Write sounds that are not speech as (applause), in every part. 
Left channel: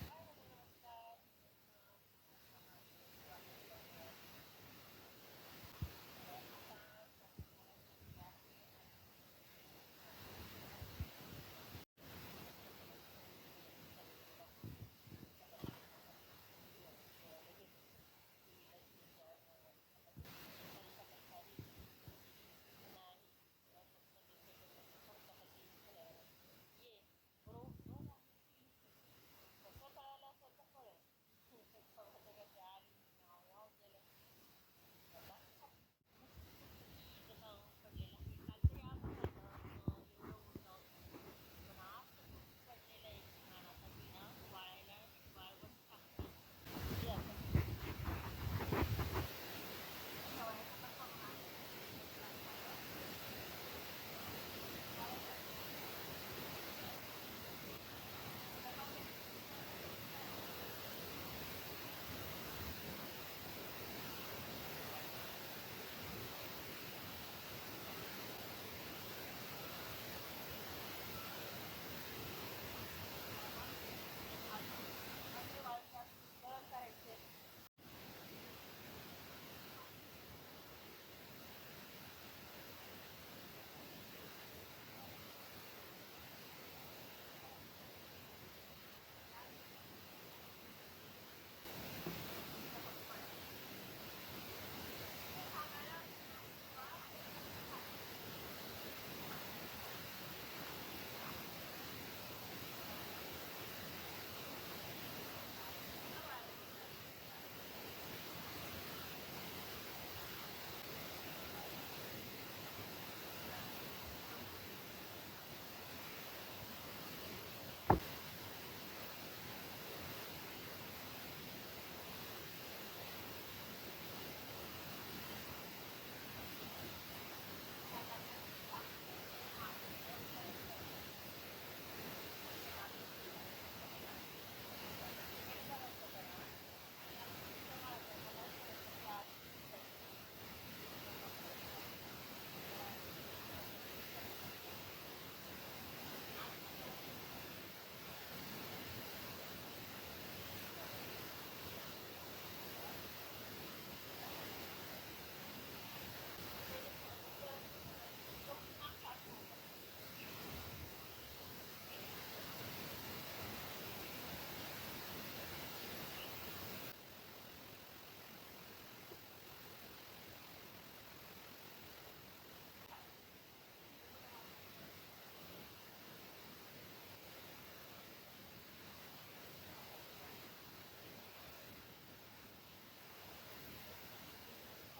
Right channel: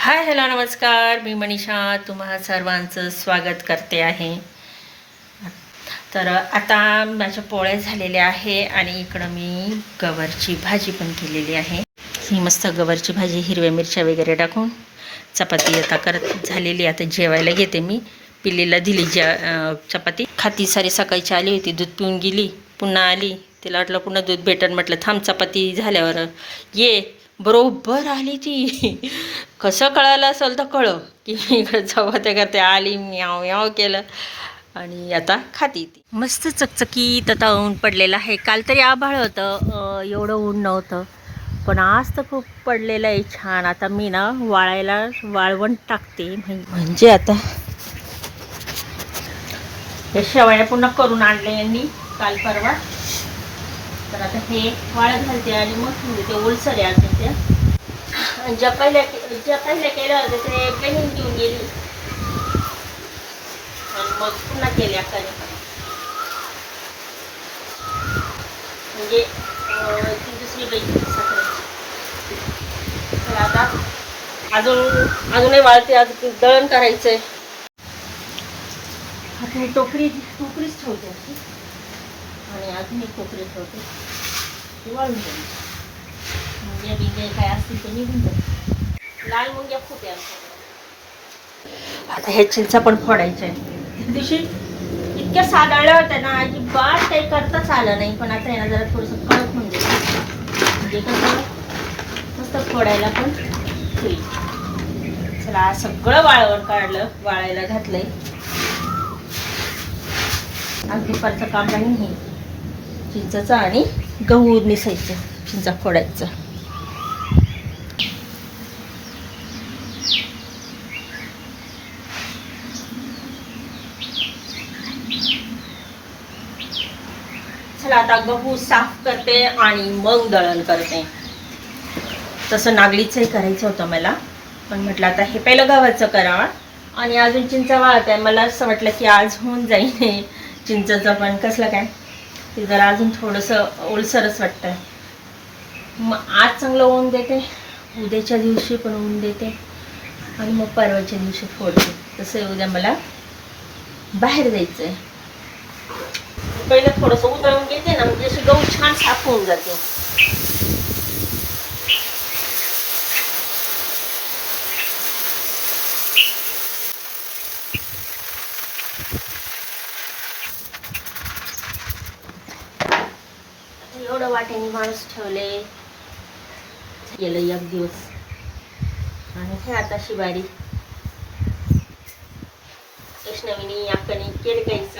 Hi hello नमस्कार. मी मनीषा. तुम्हा सर्वांचं स्वागत करते आहे. तर आता माझ्या पोळ्या झालेल्या आहे आणि इकडं मी गवरची भाजी पण केलेली आहे. ही मस्त गवरची भाजी हिरव्या मिरच्या वगैरे टाकून चपाती आता करत झालेली आता जेवायला घेते मी. पिल्लीला दिली जे चपाती. खाती सारी सकाळची आली होती. दूध पिऊन गेली. पुन्हा आली. तिला वाटलं पुन्हा दूध भेटन. म्हटलं थांब चपाती झाल्यावर ये. बरोबर आली ती. कसं कळालं असेल तर कळव. की मी इकडं चपात्या करते आली म्याव म्याव केलं. आणि आता खाती ती. मस्त चकचकीत आता ऊन पडलेलं आहे. काल तरी आभाळ होतं. एवढं ऊन नव्हतं. पण आज तर खूप पडलेलं आहे छान. आता मी ना वाळायला वाळवण टाकते. म्हणजे आता हे शेवया पुन्हा करून आणले यांनी काल परवा. तर आता हे वाळत घालते आणि मग ते ओलसर आहे त्या आणि ज्या पहिल्या ज्या पहिल्या केल्या होत्या ते पेहून घेऊन गेली. आणि मग पुन्हा केली अक्काने म्हणजे ती दुसरी बाई साखरेची. तर आता अजून अजूनही वाळते अजून दळण करायचंय. आता हे टोकरी टोकरीच ठेवते. आणि अजून एक टोकरी ठेवते. वाळून जाईल मुंग्या बिंग्या काय असतील ते निघून लाल मुंग्या खूप आहे आता हे चिंचा पण फोडायच्या आहे दिवशी इतक्या साधाळल्या होत्या ना अजिबात काही करताच आलं नाही. पण आता याला जरा थोडंसं कडक होऊन गेलं म्हणजे कसं? मस्त फोडायला पण होईल. चला सगळं वाळवण काढलं वाळायला घातलंय. आज दुपारचं काम नाही हे. चिंचाचं आणि गहू निसायचं. चिंचा फोडायचं चला आता गहू साफ करते आणि मग दळण करते. तसं नागलीचंही करायचं होतं मला. पण म्हटलं आता हे पहिलं गव्हाचं करा आणि अजून चिंचा वाळत. आहे मला असं वाटलं की आज होऊन जाईल चिंचाचं पण कसलं काय? ते जरा अजून थोडंसं ओलसरच वाटतं मग आज चांगलं ऊन देते. उद्याच्या दिवशी पण ऊन देते. आणि मग परवाच्या दिवशी फोडते. तसं उद्या मला बाहेर जायचं आहे पहिलं थोडंसं उतरवून घेते ना म्हणजे अशी गहू छान साफ होऊन जाते एवढं वाटेने माणूस ठेवले. गेलं एक दिवस. आणि हे आता शिवारी. वैष्णवीनी अक्कानी केलं काहीच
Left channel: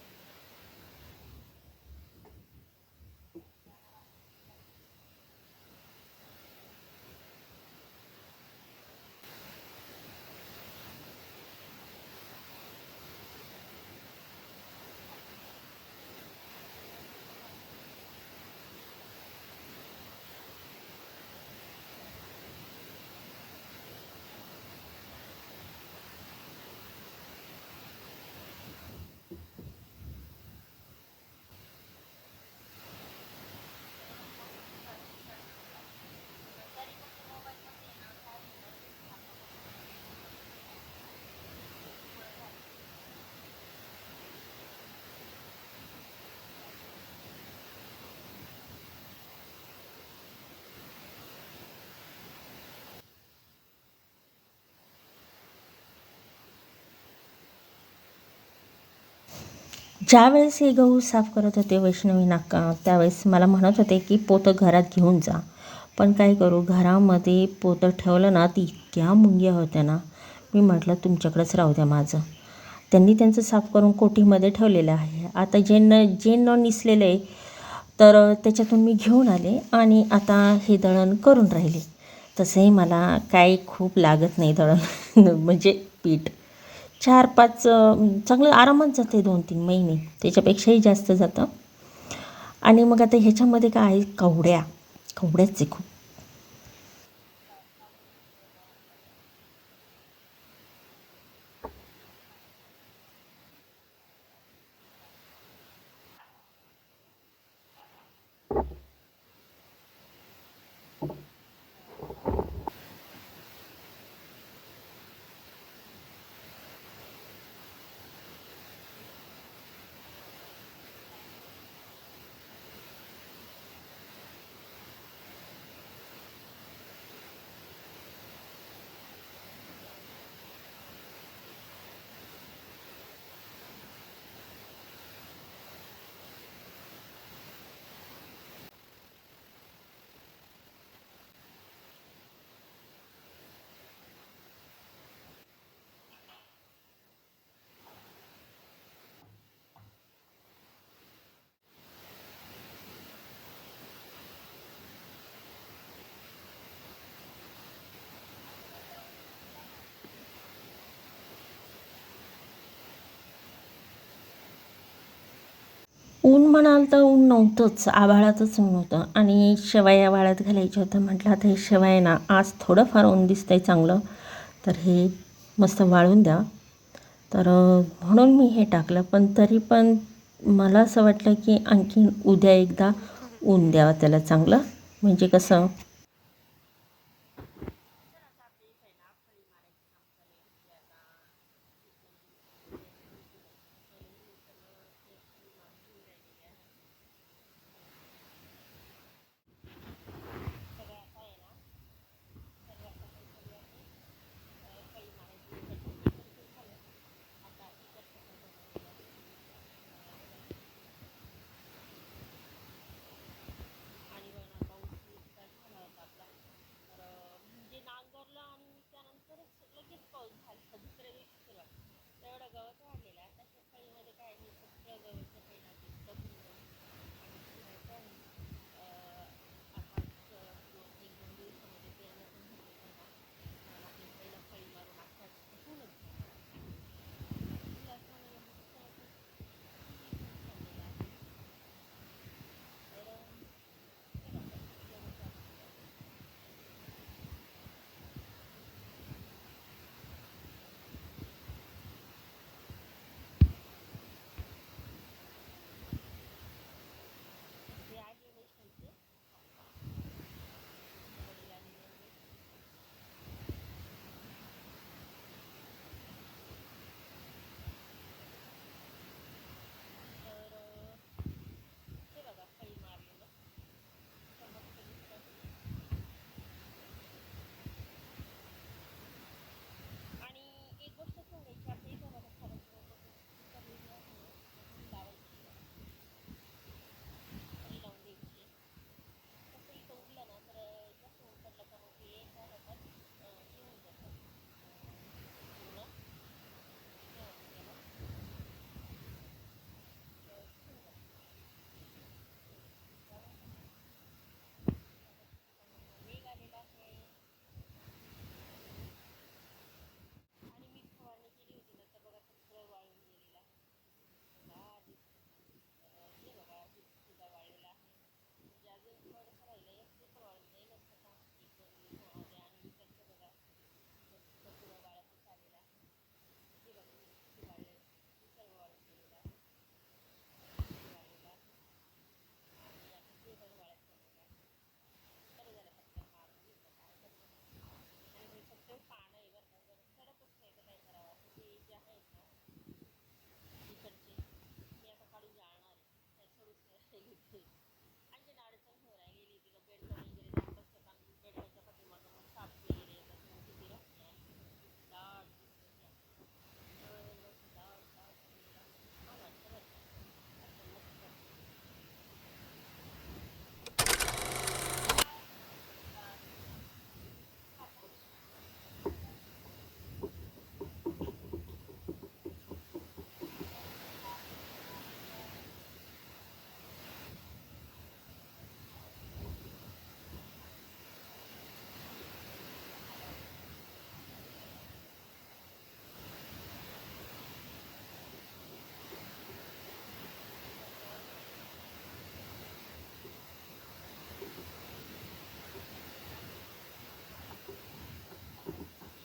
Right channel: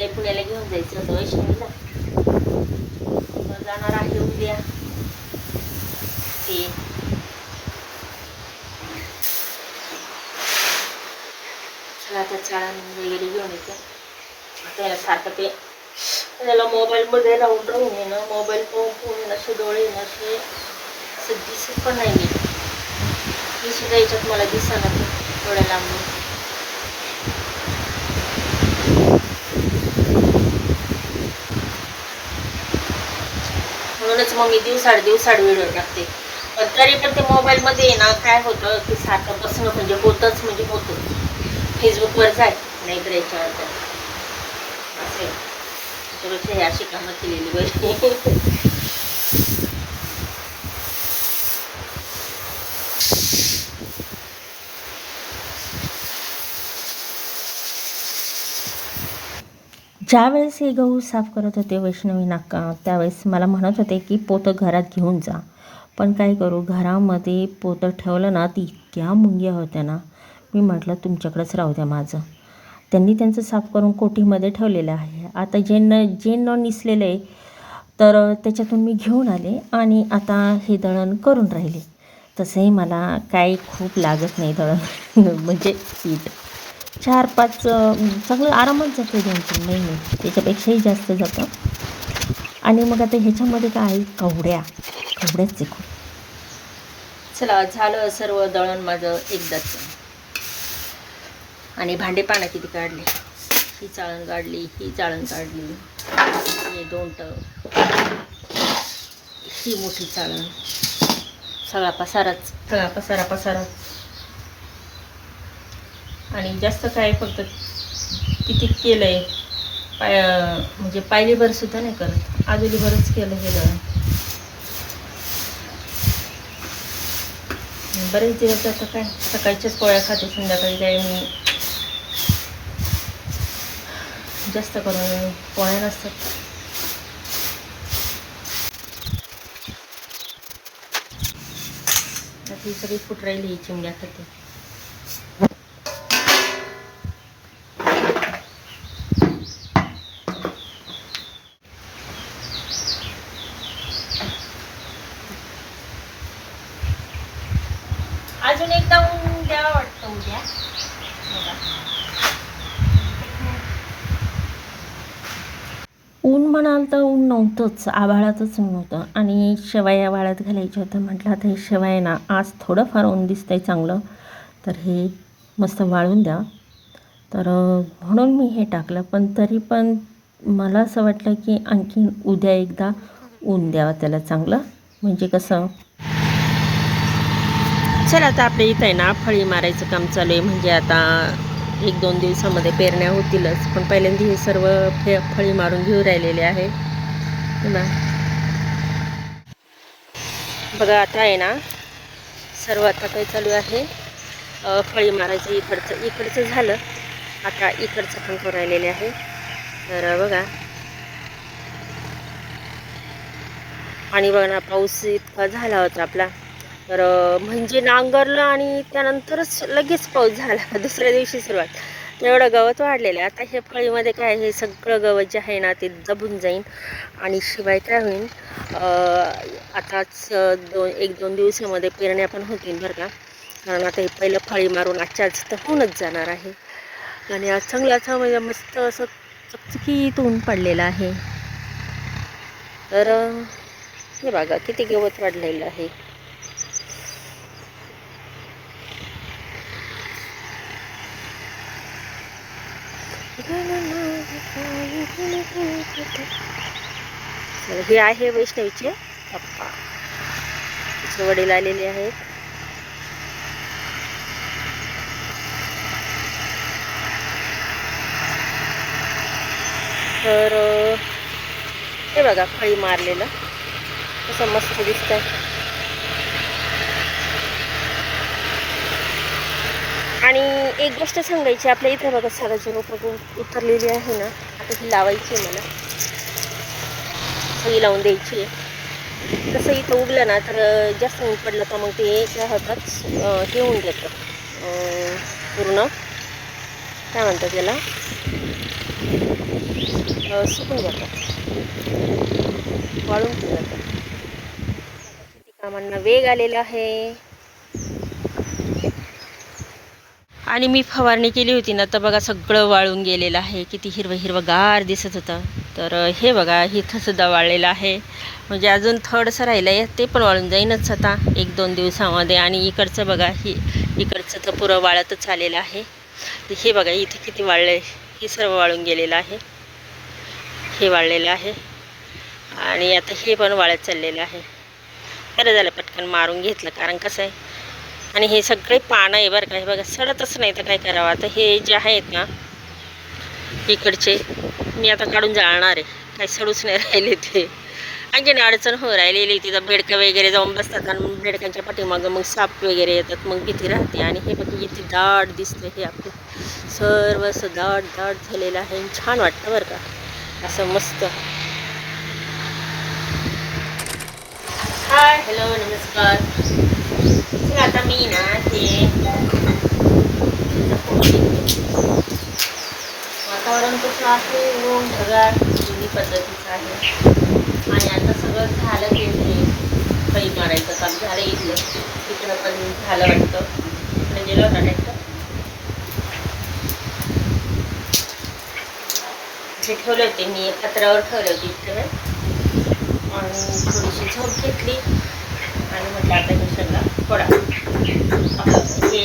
तिला पुण्याला घेऊन जायचं होतं वैष्णवीला. मग जाणार आहे उद्या. ते. चला आता चाळण वगैरे घेऊन येते. त्याला सारखं ते त्याला मोबाईलमध्ये राहून राहून येणं मोबाईल पाहून पाहून असे डोळे येणं असे असं दिसत पण नाही मी. मी सुद्धा याच्यात मला दिसणार डोळ्या लांबून म्हणूनच मग मी दिवसाड दिवसाड व्हिडिओ टाकते पण तरी पण ते मोबाईलमध्ये ना काय होतं की सारखं बसणं म्हणजे होतच म्हणजे होतं. फेसबुकवर जाय नाहीतर याच्यावर जाय. असे आहे. हे अशी कामं केलेली बरी. (laughs) ज्यावेळेस हे गहू साफ करत होते वैष्णवी नाका त्यावेळेस मला म्हणत होते की पोतं घरात घेऊन जा. पण काय करू घरामध्ये पोतं ठेवलं ना ती इतक्या मुंग्या होत्या ना. मी म्हटलं तुमच्याकडंच राहू द्या माझं. त्यांनी त्यांचं साफ करून कोठीमध्ये ठेवलेलं आहे. आता जे न जे न निसलेलं आहे तर त्याच्यातून मी घेऊन आले आणि आता हे दळण करून राहिले. तसंही मला काही खूप लागत नाही दळण. (laughs) म्हणजे पीठ. चार पाच चांगलं आरामात जातं दोन तीन महिने. त्याच्यापेक्षाही जास्त जातं. आणि मग आता ह्याच्यामध्ये काय आहे? कवड्या. कवड्याच आहे खूप. चला झालं सर्व दळण माझं एकदाच. आणि भांडे पाना किती काढले? ही चाळण काढली ही चाळण काढली. हे दोन टप ही मोठी चाळण. सगळा पसाराच सगळा पसारा पसाराच. आणि जास्त काय फक्त किती केलं आहे पाय म्हणजे पायलीभर सुद्धा नाही करत. आजोलीभरच केलं हे दळण. बरेच दिवस आता काय? सकाळच्याच पोळ्या खाते संध्याकाळी काय मी. जास्त करून पोळ्या नसतात. ही सगळी फुट राहिली ही चिमण्या खाते अजून एकदा ऊन द्यावा वाटतं उद्या बघा. ऊन तर ऊन नव्हतंच आभाळातच ऊन होतं. आणि शेवया वाळत घालायच्या होतं म्हटलं आता हे शेवया ना आज थोडंफार ऊन दिसतं आहे चांगलं. तर हे मस्त वाळून द्या. तर म्हणून मी हे टाकलं. पण तरी पण मला असं वाटलं की आणखीन उद्या एकदा ऊन द्यावं त्याला चांगलं. म्हणजे कसं? चला आता आपल्या इथं आहे ना फळी मारायचं काम चालू आहे. म्हणजे आता एक दोन दिवसामध्ये पेरण्या होतीलच. पण पहिल्यांदा हे सर्व फे फळी मारून घेऊ राहिलेले आहे. ना बघा आता आहे ना सर्व आता काय चालू आहे? फळी मारायचं इकडचं इकडचं झालं. आता इकडचं पण करू राहिलेले आहे. तर बघा. आणि बघा ना पाऊस इतका झाला होता आपला. तर म्हणजे नांगरलं आणि त्यानंतरच लगेच पाऊस झाला. (laughs) दुसऱ्या दिवशी सुरुवात. एवढं गवत वाढलेलं आहे. आता हे फळीमध्ये काय हे सगळं गवत जे आहे ना ते दबून जाईन आणि शिवाय काय होईल आताच दोन एक दोन दिवसामध्ये पेरण्या पण होतील बरं का. कारण आता हे पहिलं फळी मारून आजच्या आज तर होऊनच जाणार आहे. आणि आज चांगलं म्हणजे मस्त असं चकचकीत ऊन पडलेलं आहे. तर हे बघा किती गवत वाढलेलं आहे. हे आहे वैष्णवीचे पप्पा. तिचे वडील आलेले आहेत. तर हे बघा फळी मारलेलं. कसं मस्त दिसतंय. आणि एक गोष्ट सांगायची आपल्या इथे बघा साराची रोपं उतरलेली आहे ना. आता ही लावायची आहे मला. सगळी लावून द्यायची आहे. तसं इथं उगलं ना तर जास्त ऊन पडलं का मग ते त्या हातात हे होऊन जातं पूर्ण. काय म्हणतात त्याला सुकून जातात वाळून जातात कामांना वेग आलेला आहे. आणि मी फवारणी केली होती ना तर बघा सगळं वाळून गेलेलं आहे. किती हिरवं हिरवं गार दिसत होतं. तर हे बघा इथंसुद्धा वाळलेलं आहे. म्हणजे अजून थोडंसं राहिलं आहे ते पण वाळून जाईनच आता. एक दोन दिवसामध्ये आणि इकडचं बघा ही इकडचं तर पुरं वाळतच आलेलं आहे. तर हे बघा इथे किती वाळलं आहे हे सर्व वाळून गेलेलं आहे. हे वाळलेलं आहे. आणि आता हे पण वाळत चाललेलं आहे. बरं झालं पटकन मारून घेतलं कारण कसं आहे आणि हे सगळे पानं आहे बरं का. हे बघा सडतच नाही तर काय करावं? आता हे जे आहेत ना इकडचे मी आता काढून जाळणार आहे. काही सडूच नाही राहिले ते. आणखीन अडचण हो राहिलेली तिथं बेडकं वगैरे जाऊन बसतात आणि बेडकांच्या पाठीमागं मग साप वगैरे येतात. मग भीती राहते. आणि हे बघ किती दाट दिसतं हे आपलं. सर्व असं दाट दाट झालेलं आहे. छान वाटतं बरं का. असं मस्त. हाय हॅलो नमस्कार. चला आता मी ना ते वातावरण कसं आहे ऊन ढगाळ जुनी पद्धतीचं आहे आणि आता सगळं झालं ते काही मारायचं काम झालं इथलं तिकडं पण झालं वाटतं इकडे गेलं होता ट्रॅक्टर ठेवले होते मी पत्रावर ठेवले होते इकडे आणि थोडीशी झोप घेतली आणि म्हटलं आता मी फोडा पडा हे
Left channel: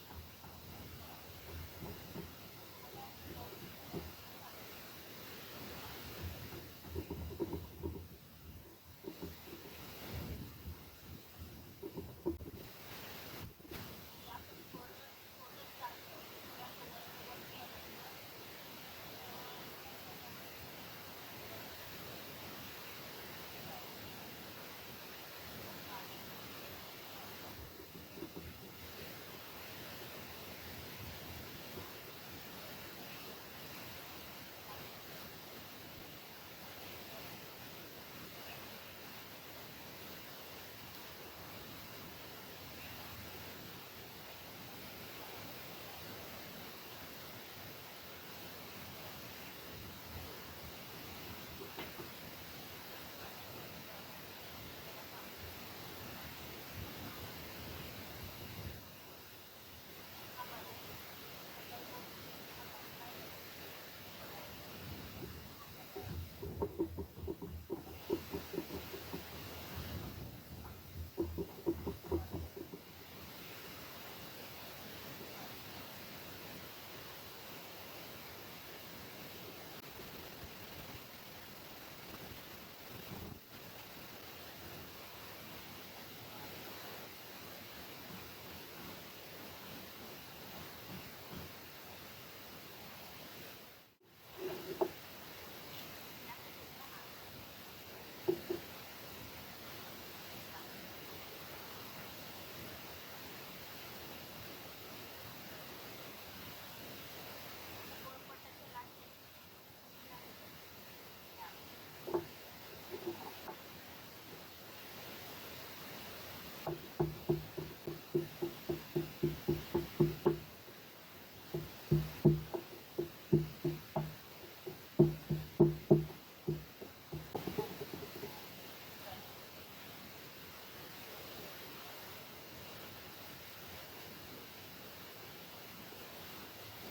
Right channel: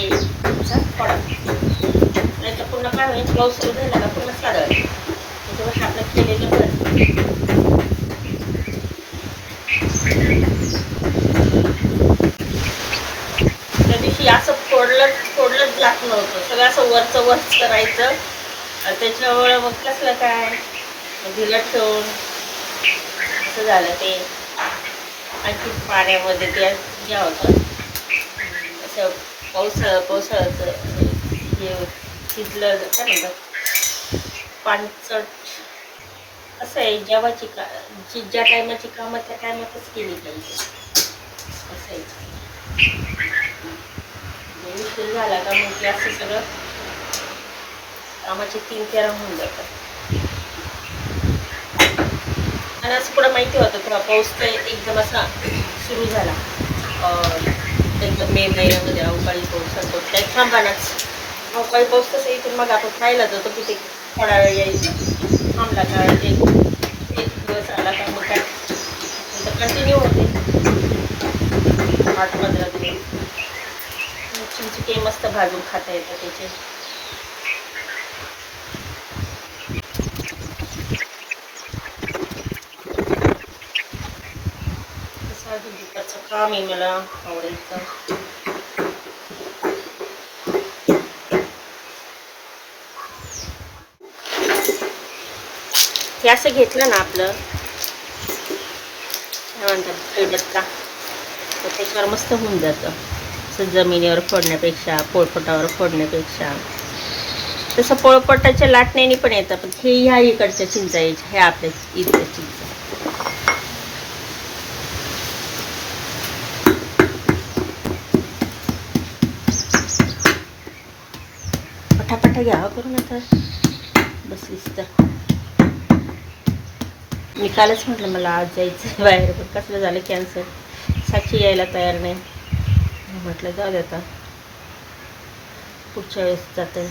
पडा नाहीतर काय होईल ब्लाऊज सुरू झाला का पूर्ण साधा केलेलं त्या दिवशी असं फोडलं फोडलंच जात नव्हतं सगळं असं वरचं वरच करायचं त्याच्यामुळे मग कसलं काय भिलट ठेवून असं झालं ते आणखी पाण्यामध्ये ते घ्या होतं असं पावसाळा पावसाळ्याचं हे शिजलं काय म्हणतात? पाणचट. असं आहे जेव्हाची का जी ज्या टायमाची कामं त्या टायमातच केली पाहिजे असं आहे. उशीर झाला का मग ते असं सगळं कामाचे तीन तेरा होऊन जातात. आणि असं पुढं माहिती होतं थोडा पाऊस तर एकदम असा सुरू झाला. अं, एकदम मे महिन्यामध्ये अवकाळी पाऊस असतो त्या थांबानाच अवकाळी पाऊस कसं इथून मग आपण खायला जातो तिथे ते थोडा वेळ यायचा. थांबला का? एक एक दिवस आला का? मग काय? कंटिन्यू होते. आठ पंधरा दिवस. मग चिंचुके मस्त भाजून खाता येतं त्याचे तसं अजून दुपारचं मी आहे मला आवडायचं? हे असं घेतलं ना आपलं. काय म्हणतात खलबत्ता तर त्याच्यावर मस्त होऊन जातं. असं जमिनीवर फोडण्यापेक्षा पोळपटावर फोडण्यापेक्षा. तसं पोळपटाच्या लाटण्याने पण येतं पण हे ह्या इकडच्या चिंचा यायच्या ह्या आपल्या इथल्या चिंचा पटापटा घ्यावा करून आता बसलीस तर मी कालच म्हटलं मला आज जायचं आहे बाहेर पण कसलं झालं कॅन्सर साक्षी यायला तयार नाही म्हटलं जाऊ दे आता पुढच्या वेळेस जाते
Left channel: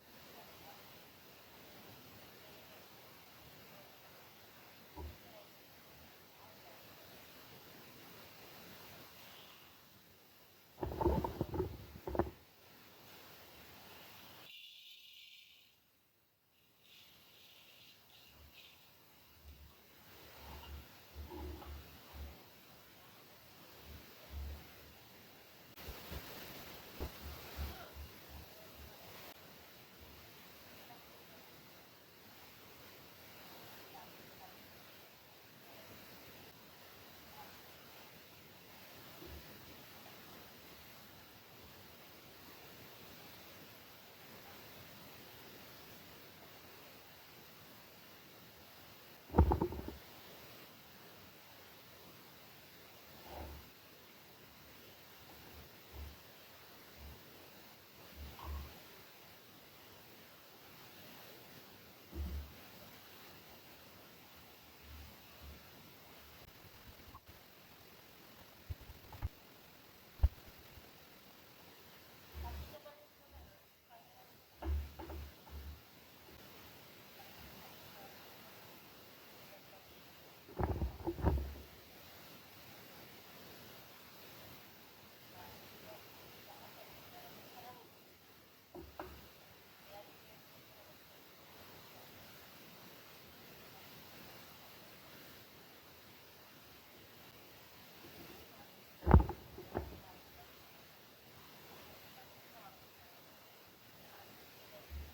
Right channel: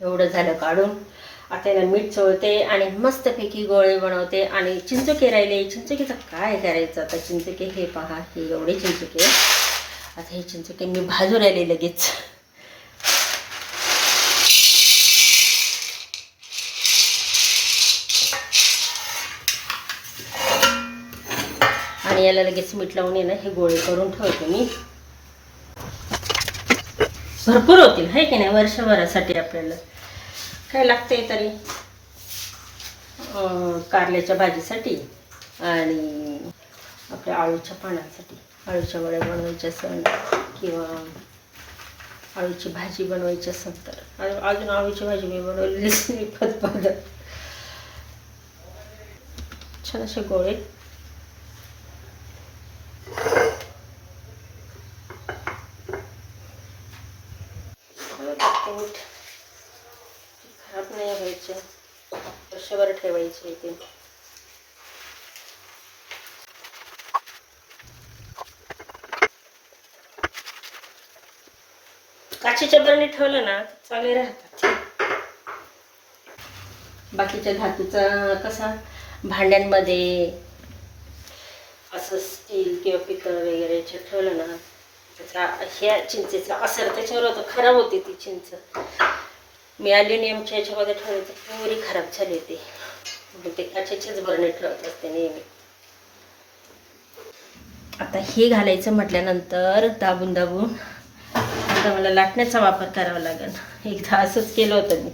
एवढं झालं काढून आता याला मीठ चोळते आणि मस्तपैकी गोळे बनवते आणि चिंचोके राहिले चिंचोकेचं काय करायचं आता चिंचके हे पहा हे एवढे चिंचोके आता हे चिंचोके मी भाजून राहिले लगेच आणि याला लगेच मीठ लावून येणं हे गोळे करून ठेवते मी. भरपूर होतील आहे की नाही वर्षभरासाठी आपल्याला. काय लागतंय तरी? कारल्याच्या भाजीसाठी आणि आपल्या आळूच्या पानांसाठी. आळूच्या वड्या बनवायच्या असेल किंवा आळूची भाजी बनवायची असेल तर. आणि अजून आळूची भाजी मी बनवलेली नाही पद छान असे गोळे मीठ खराब नाही व्हायचे वर्षभर ठेवायचे ते. काचेच्या बरणी ठेवलं ना चांगले राहतात. बाकीच्या धातूचा कसा? भांड्यांमध्ये असं स्टील किंवा पितळ वगैरे ठेवलं ना त्याचा ह्या चिंचेचा असर त्याच्यावर होतं खराब होते ती चिंच. मी अल्युमिनियमच्या याच्यामध्ये ठेवले तर पुरी खराब झाली होती मग म्हणजे ते काचेचेच बरणे ठेवत असते नेहमी. आता हे घालायचं म्हटल्यानंतर दाबून दाबून आता मला लाटण्याचा वापर करावा लागेल. एकदा असंच केलं होतं मी.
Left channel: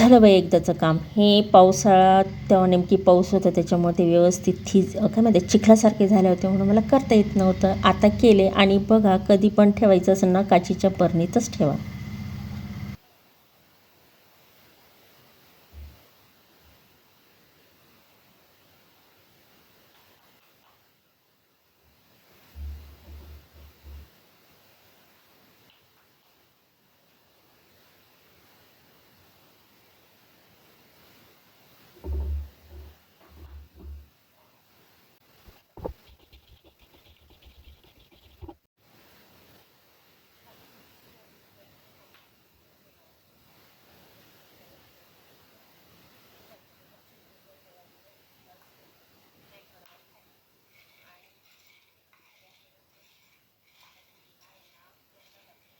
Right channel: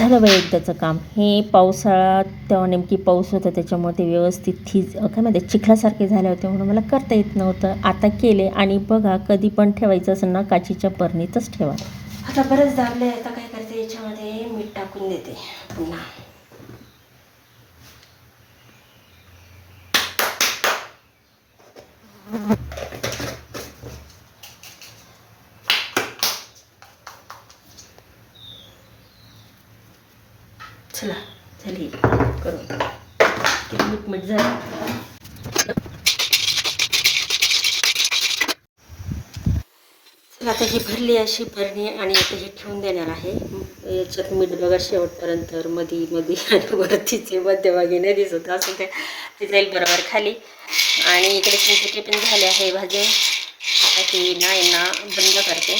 झालं बाई एकदाचं काम. हे पावसाळ्यात तेव्हा नेमकी पाऊस होता त्याच्यामुळे ते व्यवस्थित थीज काय म्हणते चिखलासारखे झाले होते म्हणून मला करता येत नव्हतं. आता केले आणि बघा कधी पण ठेवायचं असेल ना काचीच्या बरणीतच ठेवा. आता बरंच दाबले आता काय करते याच्यामध्ये मीठ टाकून देते पुन्हा. चला झाली करून जर झालं. आता ही भरली अशी भरणी आणि आता हे ठेवून देणार आहे. याच्यात मीठ बघा शेवटपर्यंत मधी मधी आणि वरतीचे मध्यभागी नाही दिसत असं ते ते जाईल बरोबर खाली. आणि इकडे चिंचटे पण झाले आहे भाजे आता ही ना बंद करते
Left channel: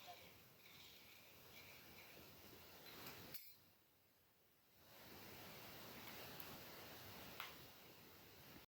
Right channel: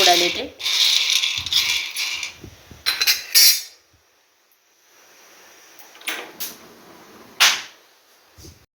उडाले ते